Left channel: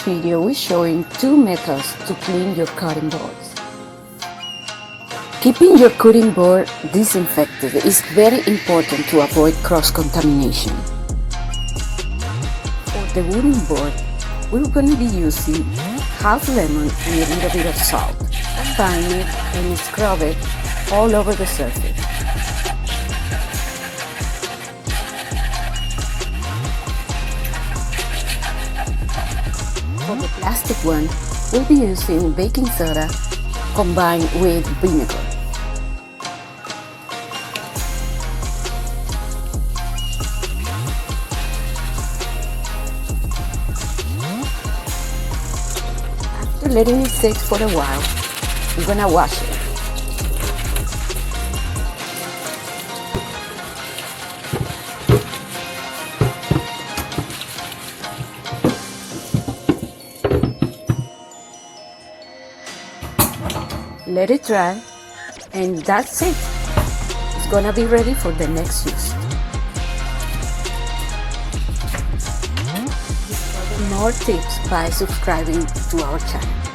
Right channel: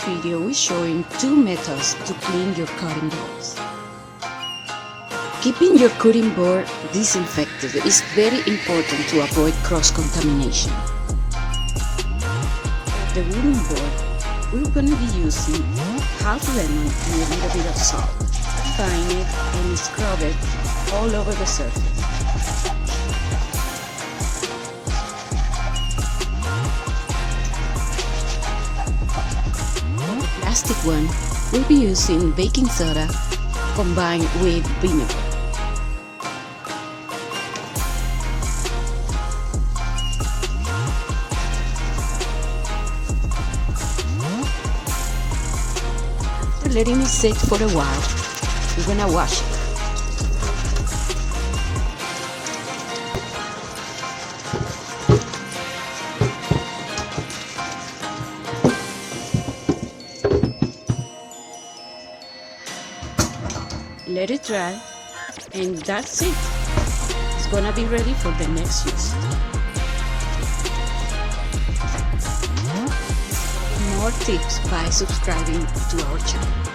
this video we're showing two methods to clean your cutting boards. Keeping your cutting board disinfected is very important to avoid cross-contamination. For the wooden board, we're going to be using half lemon and a little bit of salt. Bind it and scrub it all over the surface. Plastic one, we'll be using baking soda combined with vinegar. After letting it sit for a while, I'm gonna wash it. Let it dry, and that's it. It's gonna be ready for the next use. More tips by subscribing to our channel.